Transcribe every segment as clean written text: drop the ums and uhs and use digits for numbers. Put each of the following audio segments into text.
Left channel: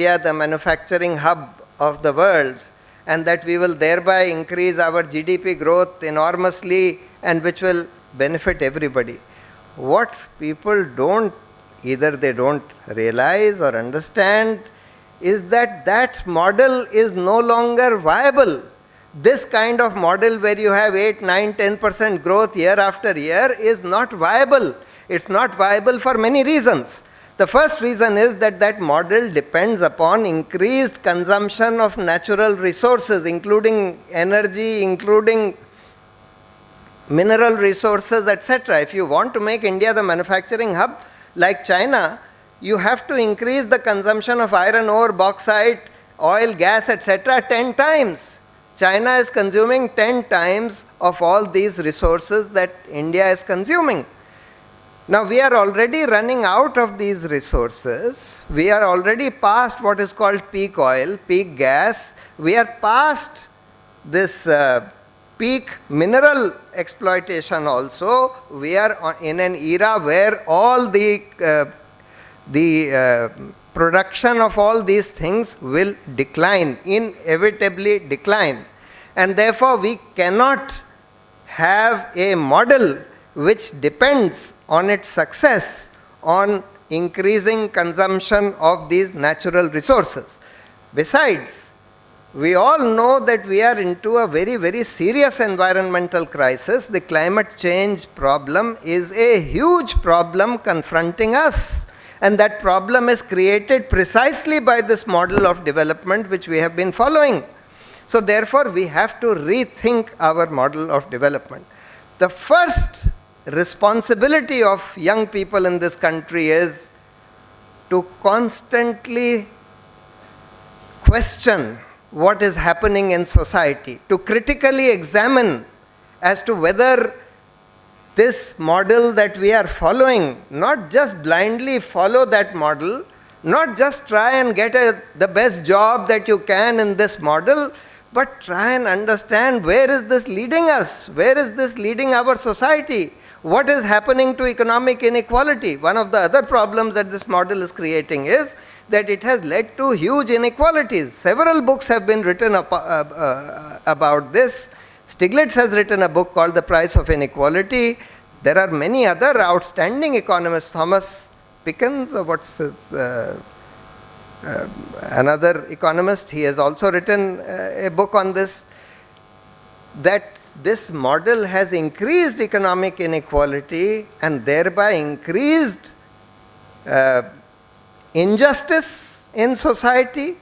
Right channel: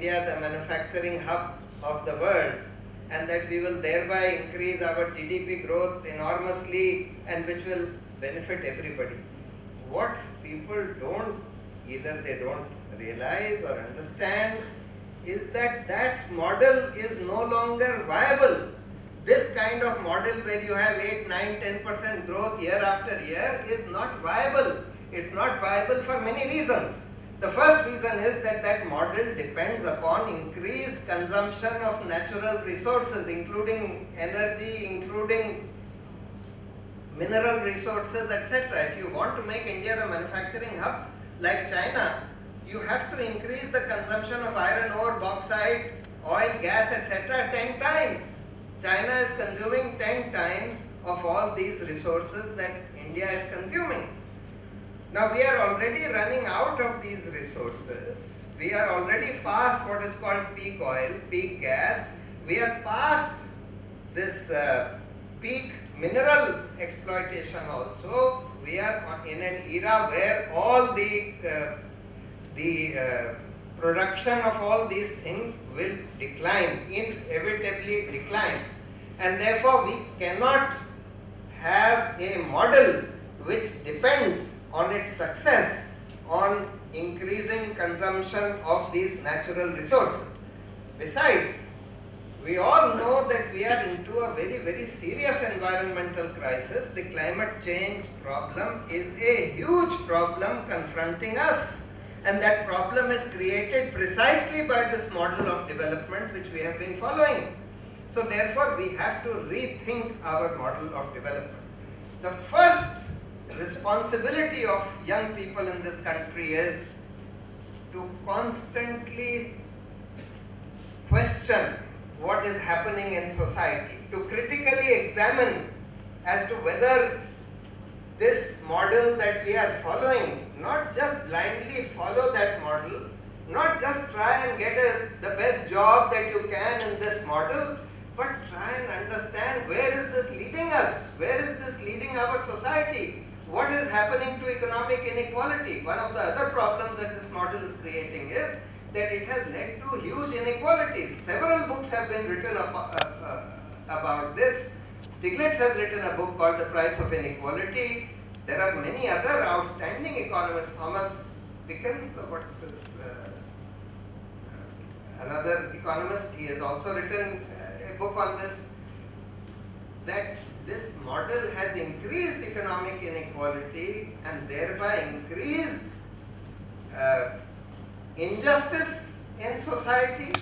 India the manufacturing hub of the world, and that we will thereby increase our GDP growth enormously and which will benefit everybody. What people either they don't realize or understand is that that model is no longer viable. This kind of model where you have 8, 9, 10% growth year after year is not viable. It's not viable for many reasons. The first reason is that that model depends upon increased consumption of natural resources, including energy, including mineral resources, etc. If you want to make India the manufacturing hub like China, you have to increase the consumption of iron ore, bauxite, oil, gas, etc. 10 times. China is consuming 10 times of all these resources that India is consuming. Now we are already running out of these resources. We are already past what is called peak oil, peak gas. We are past this peak mineral exploitation also. We are in an era where all the production of all these things will decline, inevitably decline. And therefore we cannot have a model which depends on its success on increasing consumption of these natural resources. Besides, we all know that we are into a very, very serious environmental crisis. The climate change problem is a huge problem confronting us. And that problem is created precisely by this model of development which we have been following. So therefore, we have to rethink our model of development. The first responsibility of young people in this country is to constantly question what is happening in society, to critically examine as to whether this model that we are following, not just blindly follow that model, not just try and get the best job that you can in this model, but try and understand where is this leading us, where is this leading our society, what is happening to economic inequality. One of the other problems that this model is creating is that it has led to huge inequalities. Several books have been written about this. Stiglitz has written a book called The Price of Inequality. There are many other outstanding economists. Thomas Pickens, or what's his, another economist, he has also written a book on this, that this model has increased economic inequality and thereby increased injustice in society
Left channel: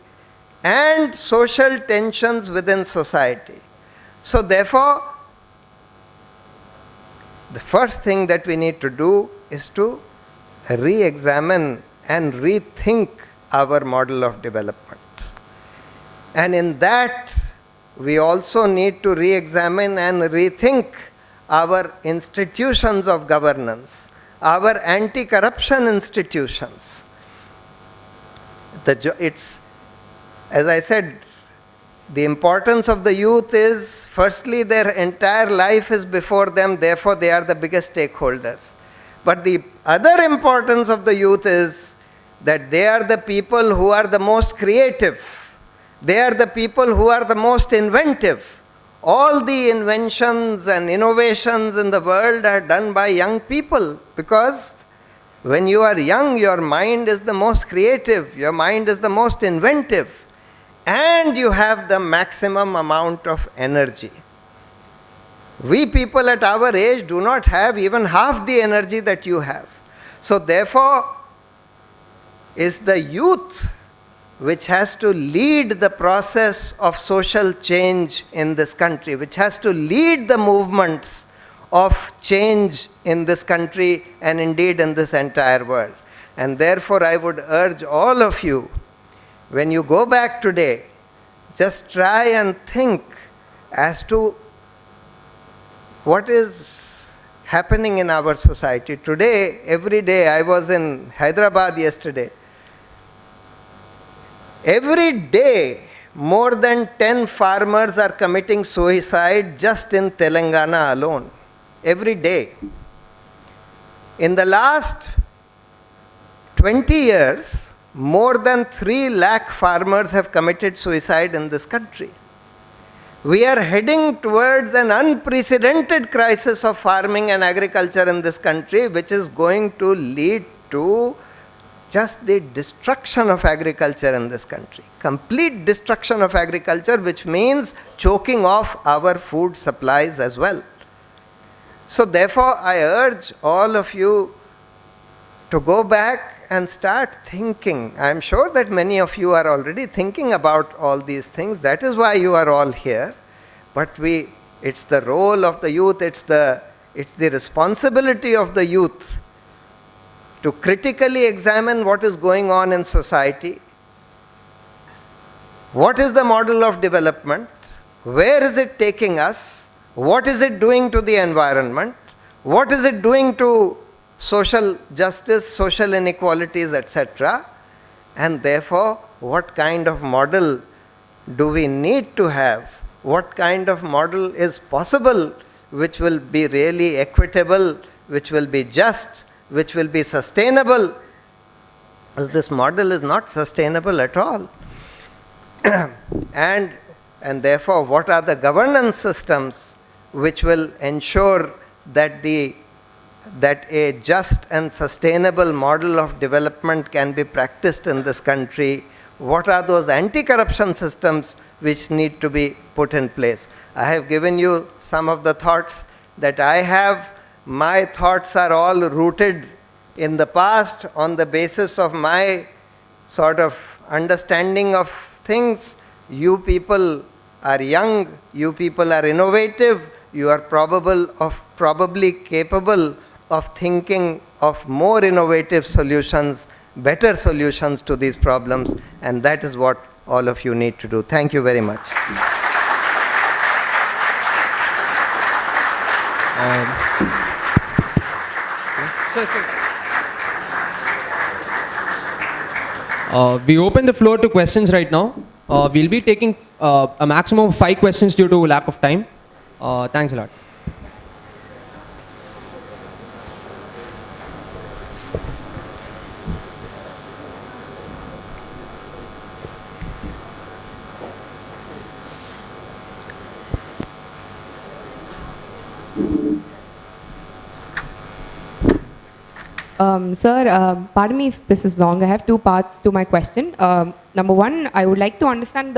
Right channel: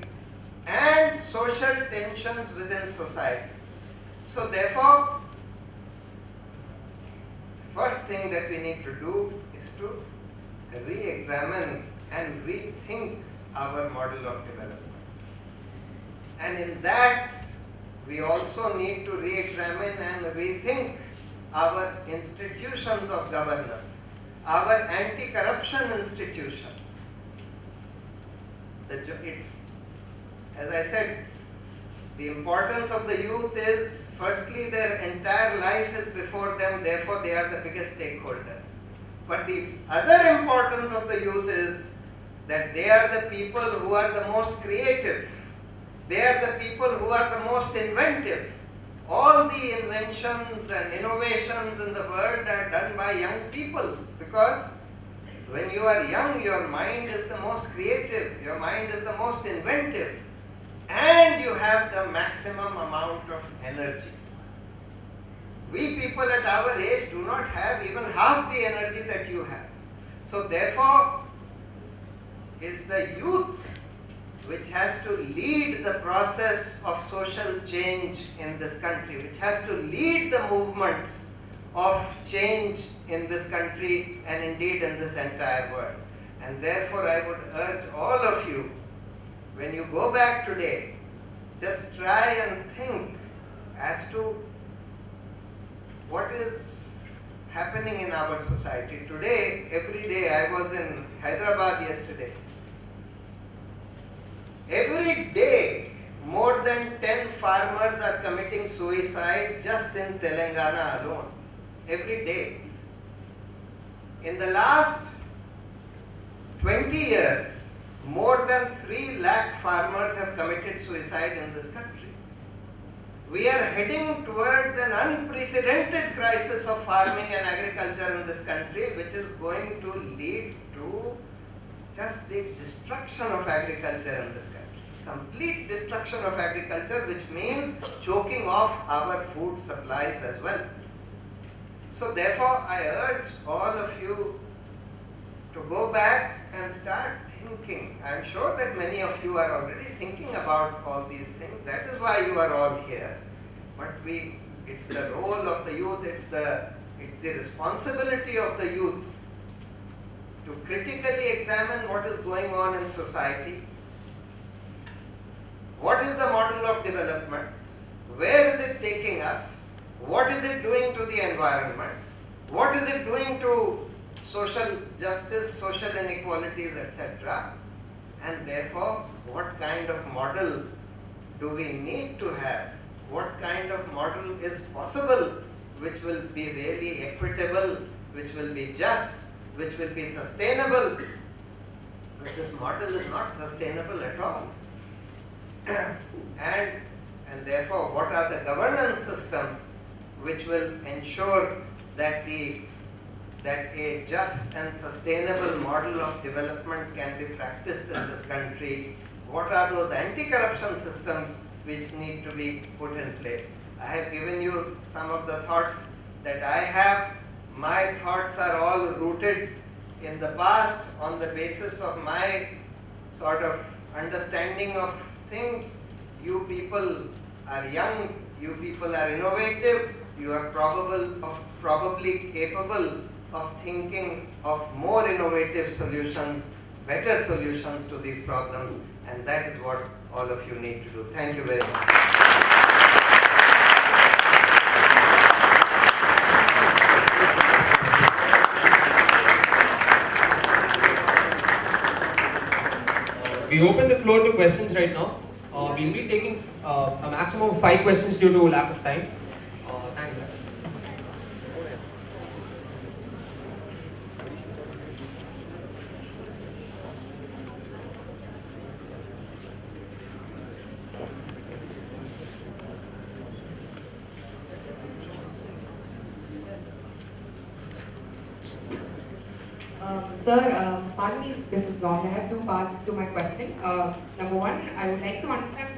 and social tensions within society. So therefore, the first thing that we need to do is to re-examine and rethink our model of development. And in that, we also need to re-examine and rethink our institutions of governance, our anti-corruption institutions. It's, as I said, the importance of the youth is, firstly, their entire life is before them, therefore they are the biggest stakeholders. But the other importance of the youth is that they are the people who are the most creative. They are the people who are the most inventive. All the inventions and innovations in the world are done by young people, because when you are young, your mind is the most creative, your mind is the most inventive, and you have the maximum amount of energy. We people at our age do not have even half the energy that you have. So therefore, it's the youth which has to lead the process of social change in this country, which has to lead the movements of change in this country and indeed in this entire world. And therefore, I would urge all of you, when you go back today, just try and think as to what is happening in our society. Today, every day, I was in Hyderabad yesterday. Every day, more than 10 farmers are committing suicide just in Telangana alone. Every day. In the last 20 years, more than 3 lakh farmers have committed suicide in this country. We are heading towards an unprecedented crisis of farming and agriculture in this country, which is going to lead to just the destruction of agriculture in this country. Complete destruction of agriculture, which means choking off our food supplies as well. So therefore, I urge all of you to go back and start thinking. I am sure that many of you are already thinking about all these things. That is why you are all here. But it's the role of the youth, it's the responsibility of the youth to critically examine what is going on in society. What is the model of development? Where is it taking us? What is it doing to the environment? What is it doing to social justice, social inequalities, etc.? And therefore, what kind of model do we need to have? What kind of model is possible which will be really equitable, which will be just, which will be sustainable? Because this model is not sustainable at all. And therefore, what are the governance systems which will ensure that a just and sustainable model of development can be practiced in this country? What are those anti-corruption systems which need to be put in place? I have given you some of the thoughts that I have. My thoughts are all rooted in the past on the basis of my sort of understanding of things. You people are young, you people are innovative, you are probably capable of thinking of more innovative solutions, better solutions to these problems, and that is what all of you need to do. Thank you very much. We open the floor to questions right now. We'll be taking a maximum of 5 questions due to lack of time. Thanks a lot. Sir, pardon me if this is long. I have 2 parts to my question. Number 1, I would like to understand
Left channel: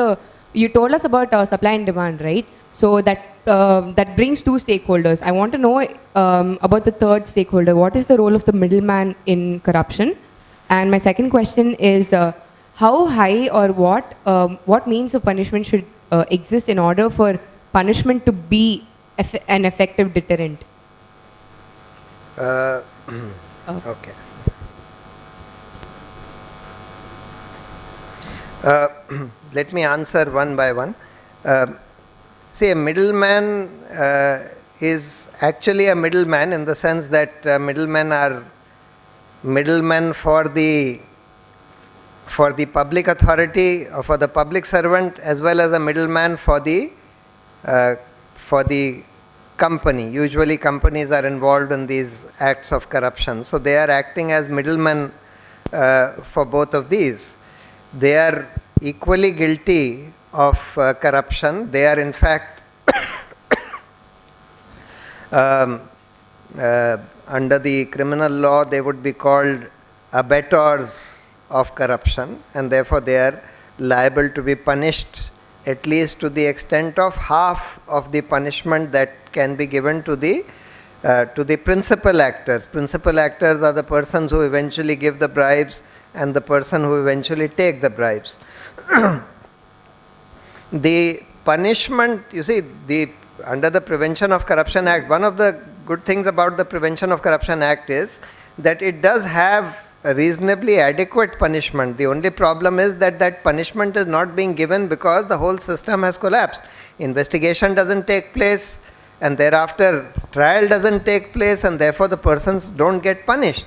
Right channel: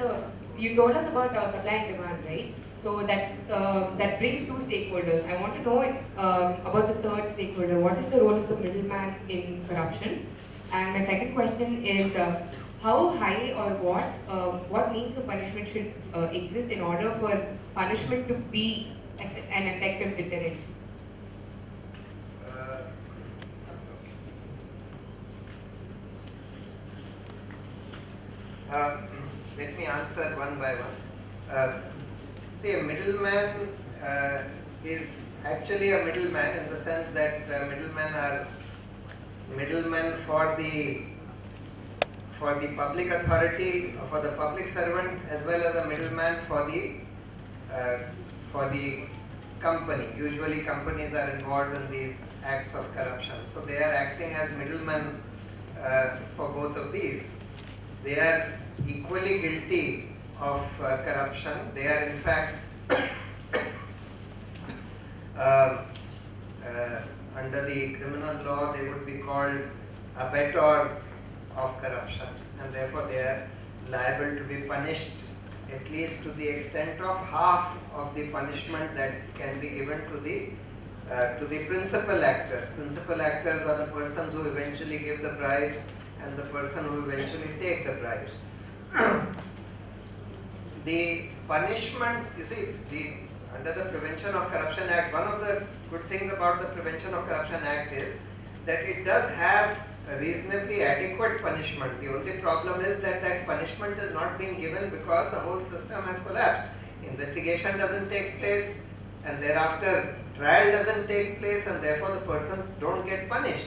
you told us about supply and demand, right? So that brings 2 stakeholders. I want to know about the 3rd stakeholder. What is the role of the middleman in corruption? And my second question is, how high or what means of punishment should exist in order for punishment to be an effective deterrent? Okay. Let me answer one by one. See, a middleman is actually a middleman in the sense that middlemen are middlemen for the public authority or for the public servant, as well as a middleman for the company. Usually companies are involved in these acts of corruption. So they are acting as middlemen for both of these. They are equally guilty of corruption. They are in fact under the criminal law they would be called abettors of corruption, and therefore they are liable to be punished at least to the extent of half of the punishment that can be given to the principal actors. Principal actors are the persons who eventually give the bribes and the person who eventually take the bribes. The punishment, you see, under the Prevention of Corruption Act, one of the good things about the Prevention of Corruption Act is that it does have a reasonably adequate punishment. The only problem is that punishment is not being given because the whole system has collapsed. Investigation doesn't take place, and thereafter trial doesn't take place, and therefore the persons don't get punished.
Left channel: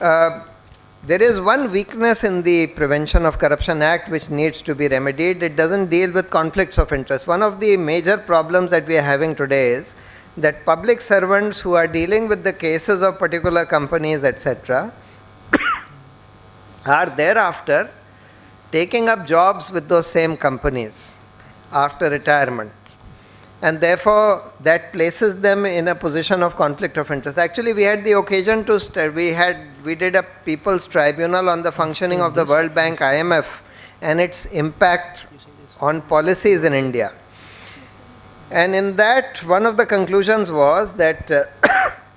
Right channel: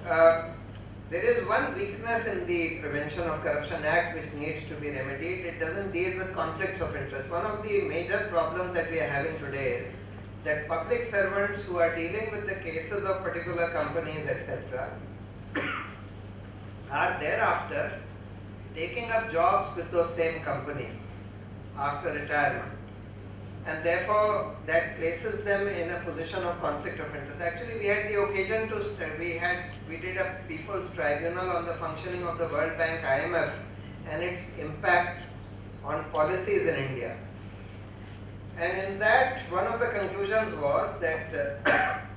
There is one weakness in the Prevention of Corruption Act which needs to be remedied. It doesn't deal with conflicts of interest. One of the major problems that we are having today is that public servants who are dealing with the cases of particular companies, etc., are thereafter taking up jobs with those same companies after retirement. And therefore, that places them in a position of conflict of interest. Actually, we had the occasion to, we did a People's Tribunal on the functioning of the World Bank, IMF, and its impact on policies in India. And in that, one of the conclusions was that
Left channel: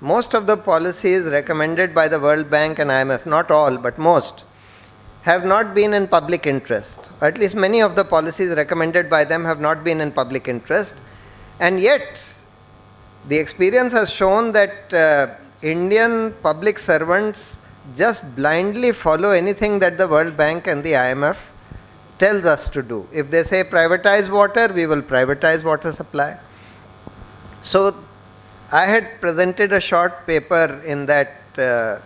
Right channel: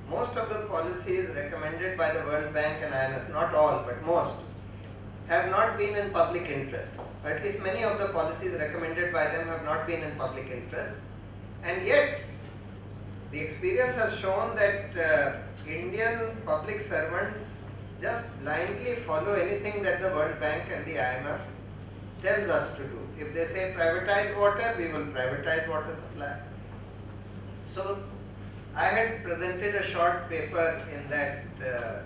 most of the policies recommended by the World Bank and IMF, not all, but most, have not been in public interest. Or at least many of the policies recommended by them have not been in public interest. And yet, the experience has shown that Indian public servants just blindly follow anything that the World Bank and the IMF tells us to do. If they say privatize water, we will privatize water supply. So, I had presented a short paper in that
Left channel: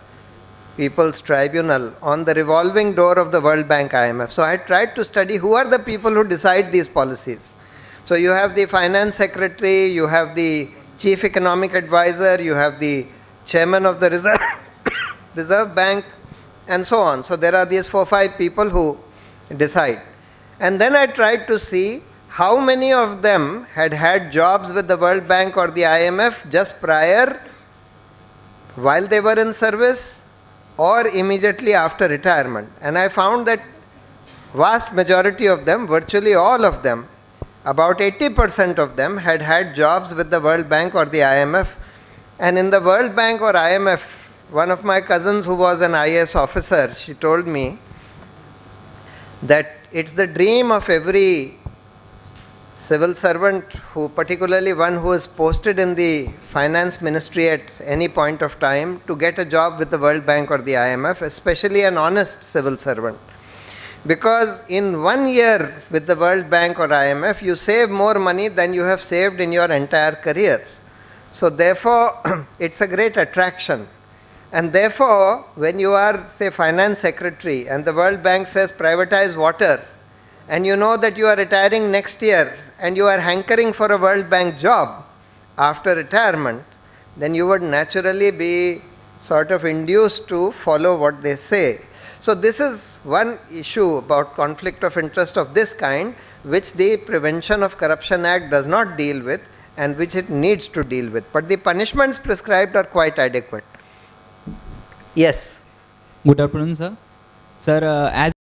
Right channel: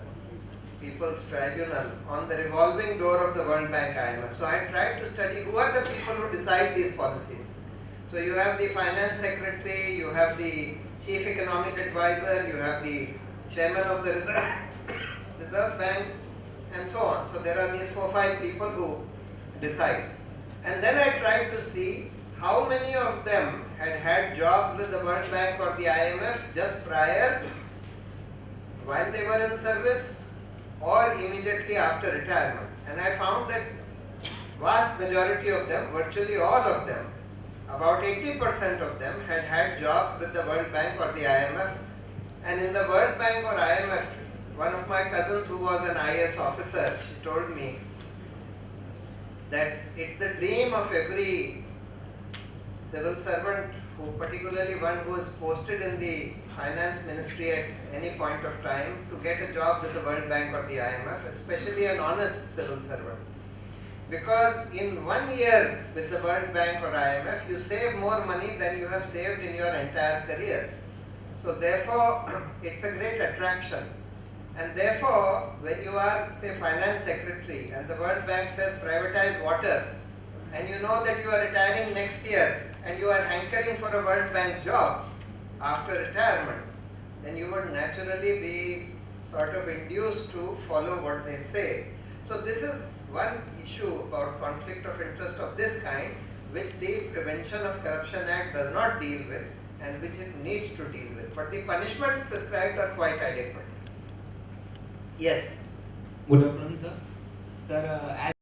People's Tribunal on the revolving door of the World Bank, IMF. So, I tried to study who are the people who decide these policies. So you have the finance secretary, you have the chief economic advisor, you have the chairman of the Reserve Bank, and so on. So there are these 4 or 5 people who decide. And then I tried to see how many of them had had jobs with the World Bank or the IMF just prior, while they were in service, or immediately after retirement. And I found that vast majority of them, virtually all of them, about 80% of them had had jobs with the World Bank or the IMF. And in the World Bank or IMF, one of my cousins who was an IAS officer, she told me that it's the dream of every civil servant, who, particularly one who is posted in the finance ministry at any point of time, to get a job with the World Bank or the IMF, especially an honest civil servant. Because in 1 year with the World Bank or IMF, you save more money than you have saved in your entire career. So therefore, it's a great attraction. And therefore, when you are, say, finance secretary and the World Bank says privatize water, and you know that you are retiring next year and you are hankering for a World Bank job after retirement, then you would naturally be sort of induced to follow what they say. So this is one issue about conflict of interest of this kind, which the Prevention of Corruption Act does not deal with and which it needs to deal with. But the punishments prescribed are quite adequate. Yes. Good afternoon, sir. Sir, as